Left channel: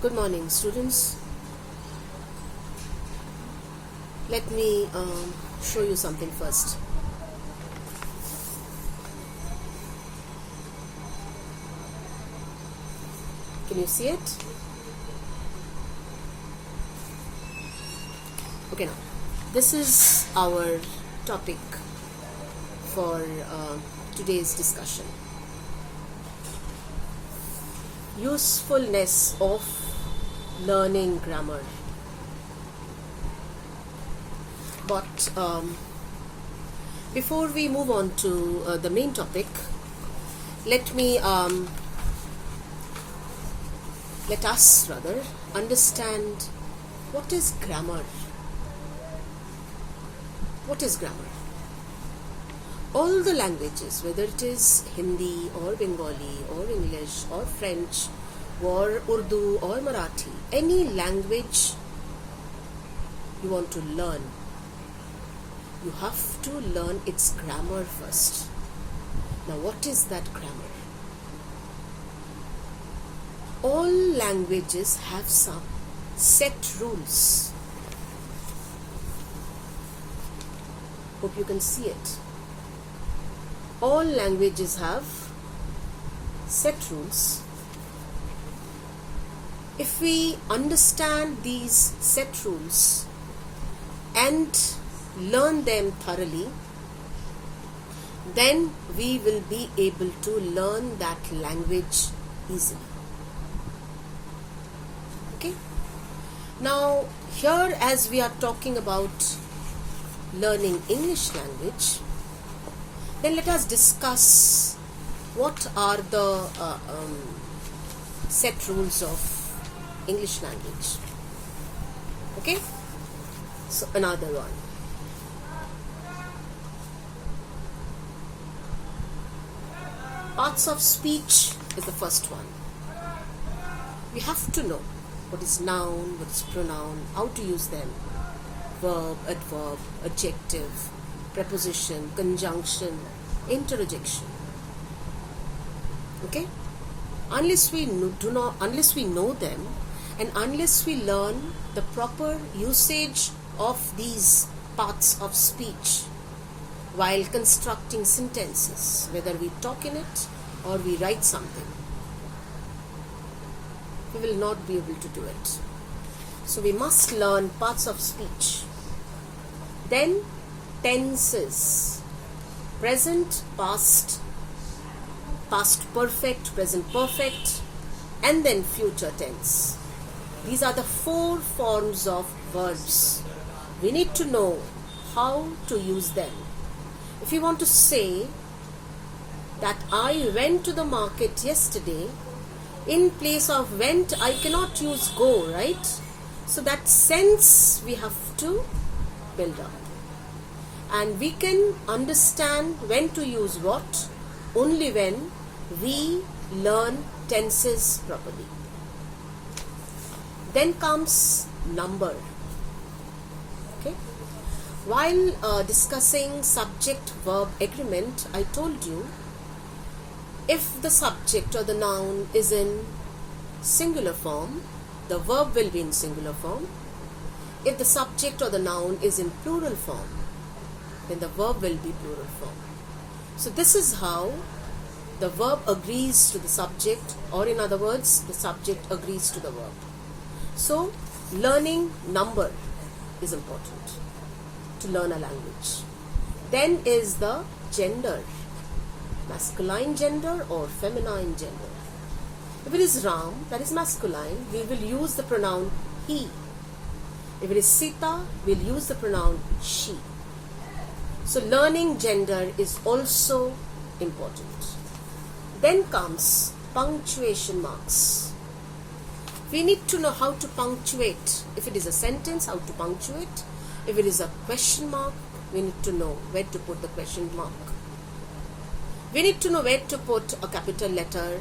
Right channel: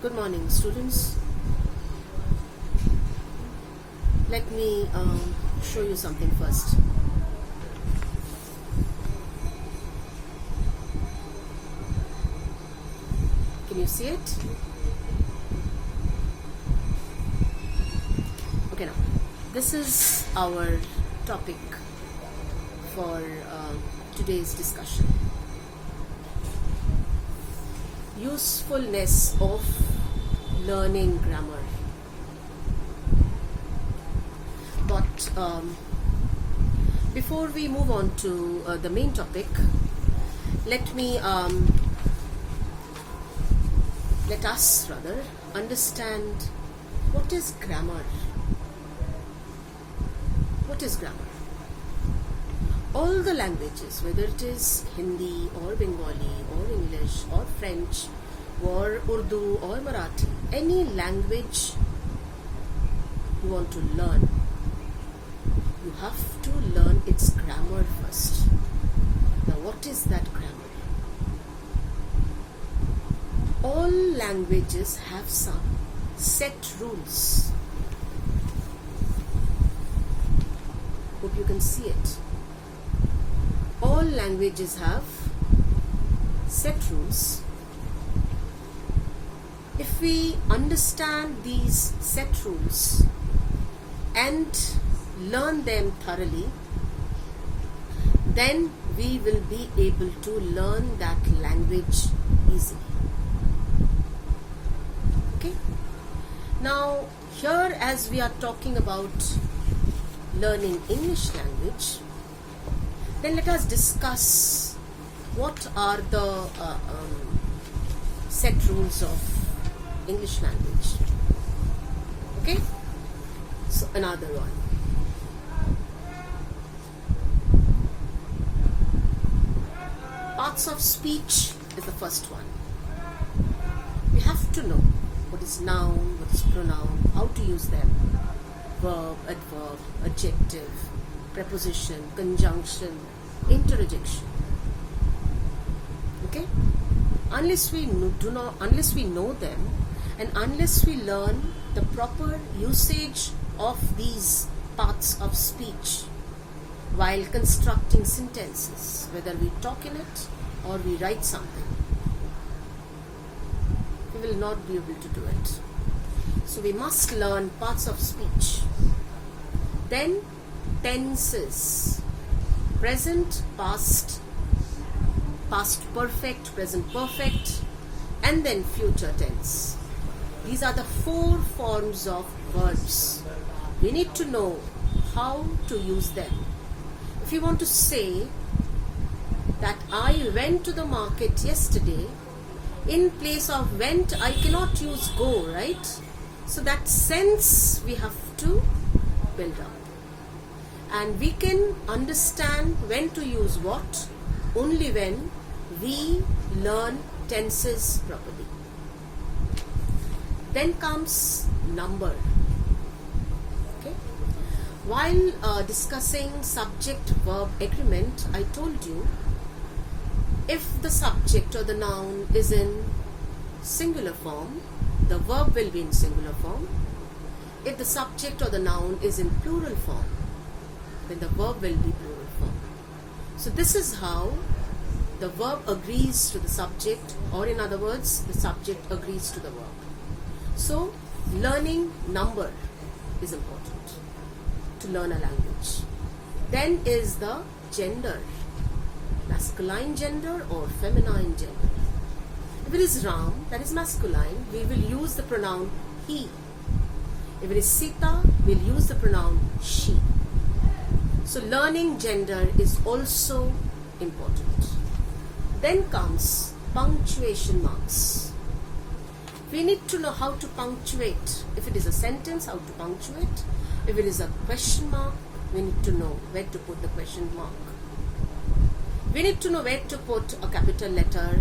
Good morning, students. Let me show you something first. Can you see it? Okay, now this is our topic for today's discussion. Usefulness of learning grammar. But before we move on to the main topic, let us understand what is grammar. What is grammar? All the languages, whether it is Hindi or Bengali or English or French or Urdu or Marathi, any language you want to learn, you have to learn its grammar first. Now, what is that grammar? All languages have some set rules. Hope you can see it. All languages have set rules. If we understand these set rules and learn them thoroughly, then we will be able to learn that language easily. Okay? Now, here as we are talking about learning English language, then let us discuss what are the set rules of English language. Okay? So another one. Parts of speech is the first one. We have to know what is noun, what is pronoun, how to use them. Verb, adverb, adjective, preposition, conjunction, interjection. Okay? Unless we know them, and unless we learn the proper usage of these parts of speech while constructing sentences, whether we talk in it or we write something, we will not be able to do it. So we must learn parts of speech. Then tenses: present, past, past perfect, present perfect, and then future tense. These are the 4 forms of verbs. We need to know how to use them. If you want to say that I went to the market yesterday, in place of went, I cannot use go, right? So that sense we have to build up. And we can understand when to use what only when we learn tenses properly. Then comes number. Okay? While discussing subject-verb agreement, I told you if the subject or the noun is in singular form, the verb will be in singular form. If the subject or the noun is in plural form, then the verb will be plural form. So this is how the verb agrees to the subject, or in other words, the subject agrees to the verb. So learning number is important to learn a language. Then is the gender, masculine gender or feminine gender. If it is Ram, that is masculine, we will use the pronoun he. If it is Sita, we'll use the pronoun she. So learning gender is also important. Then comes punctuation marks. We need to know how to punctuate. If it is a sentence, how to punctuate. If it is a question mark, we need to know where to put the question mark. We need to know where to put a capital letter,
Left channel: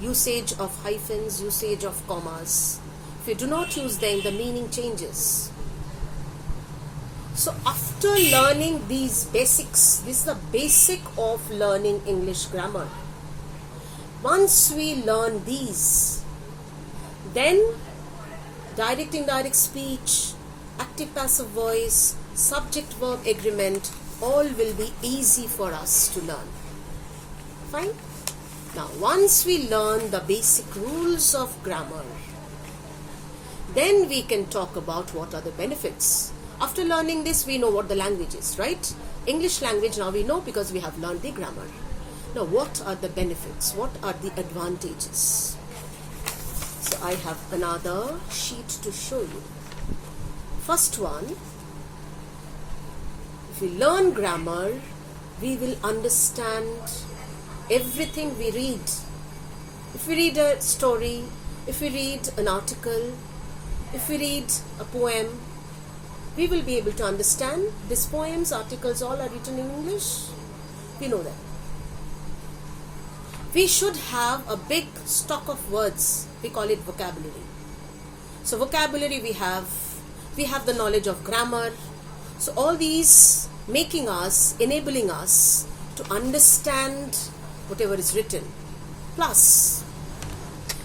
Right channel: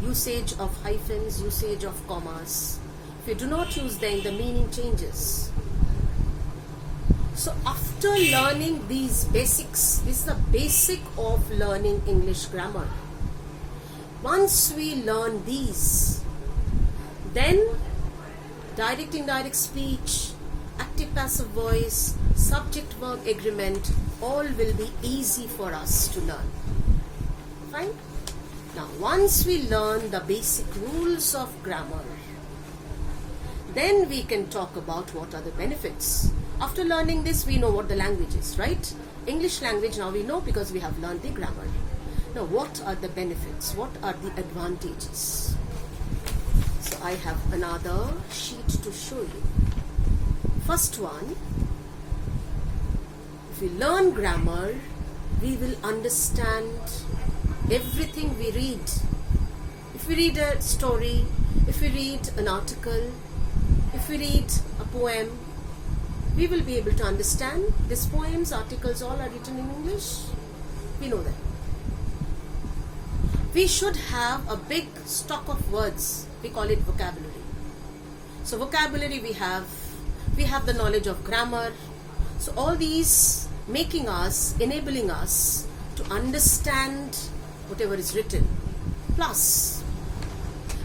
usage of hyphens, usage of commas. If you do not use them, the meaning changes. So after learning these basics, this is the basic of learning English grammar. Once we learn these, then direct indirect speech, active passive voice, subject verb agreement, all will be easy for us to learn. Fine? Now, once we learn the basic rules of grammar, then we can talk about what are the benefits. After learning this, we know what the language is, right? English language now we know because we have learned the grammar. Now, what are the benefits? What are the advantages? So, I have another sheet to show you. First one, if we learn grammar, we will understand everything we read. If we read a story, if we read an article, if we read a poem, we will be able to understand these poems, articles, all are written in English. We know that. We should have a big stock of words. We call it vocabulary. So vocabulary we have the knowledge of grammar. So all these enabling us to understand whatever is written. Plus,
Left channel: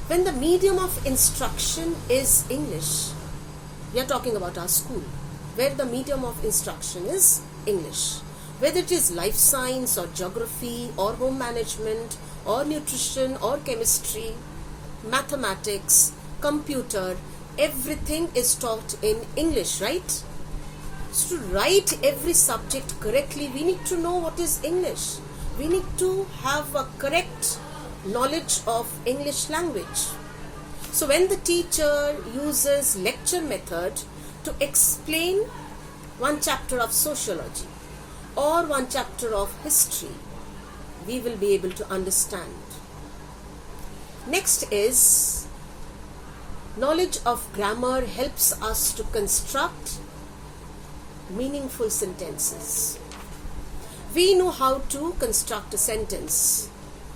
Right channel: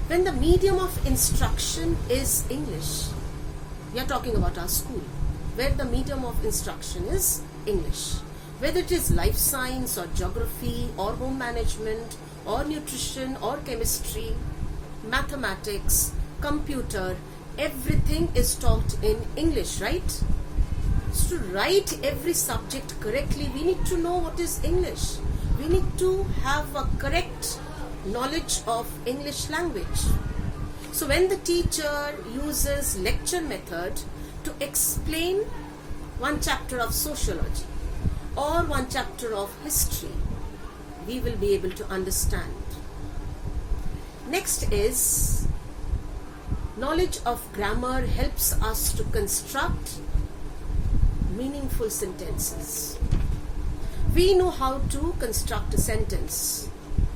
when the medium of instruction is English, we are talking about our school, where the medium of instruction is English. Whether it is life science or geography or home management or nutrition or chemistry, mathematics, computer, everything is taught in English, right? So to write every subject correctly, we need to know what is English. We need to have a correct knowledge of English language. So when the teacher uses lecture method to explain one chapter of sociology or one chapter of history, we will be able to understand. Next is, knowledge of grammar helps us to construct meaningful sentences. We know how to construct a sentence.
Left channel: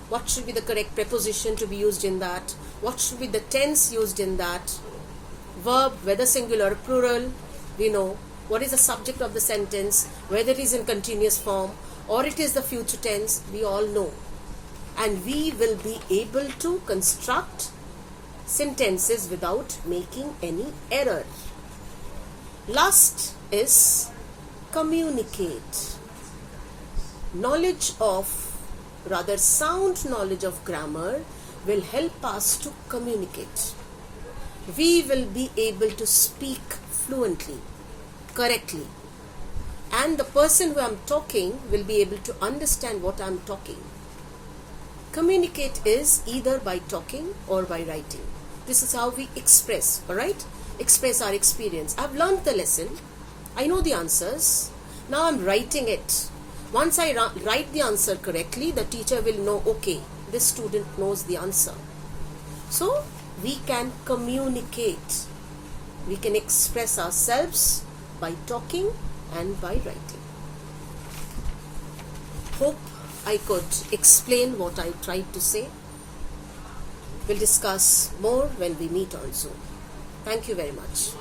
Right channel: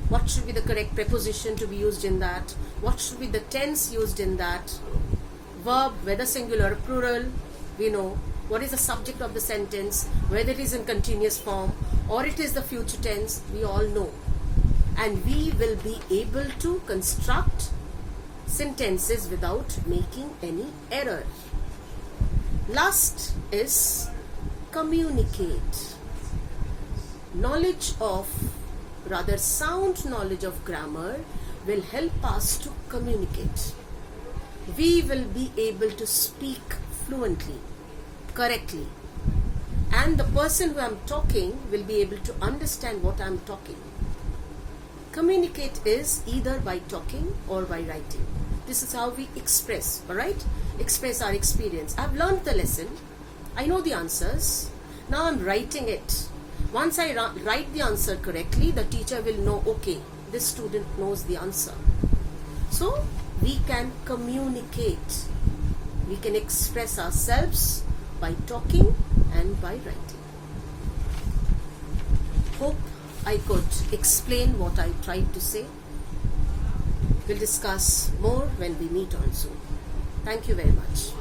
What should be the correct preposition to be used in that? What should be the tense used in that? Verb, whether singular or plural, we know. What is the subject of the sentence, whether it is in continuous form or it is the future tense, we all know. And we will be able to construct sentences without making any error. Last is communicate. Sound knowledge of grammar will help us to communicate. We will be able to speak fluently, correctly, and the person who I'm talking will be able to understand what I'm talking. Communicate is either by talking or by writing. This is how we express, alright? Express our experience. I've learned the lesson. I know the answers. Now I'm writing it. Once I write the answer correctly, the teacher will know, okay, this student knows the answer. So we can communicate. We can express ourselves by talking and by writing. Hope I could explain what I tried to say. We'll discuss more when we meet on Zoom. Thank you very much.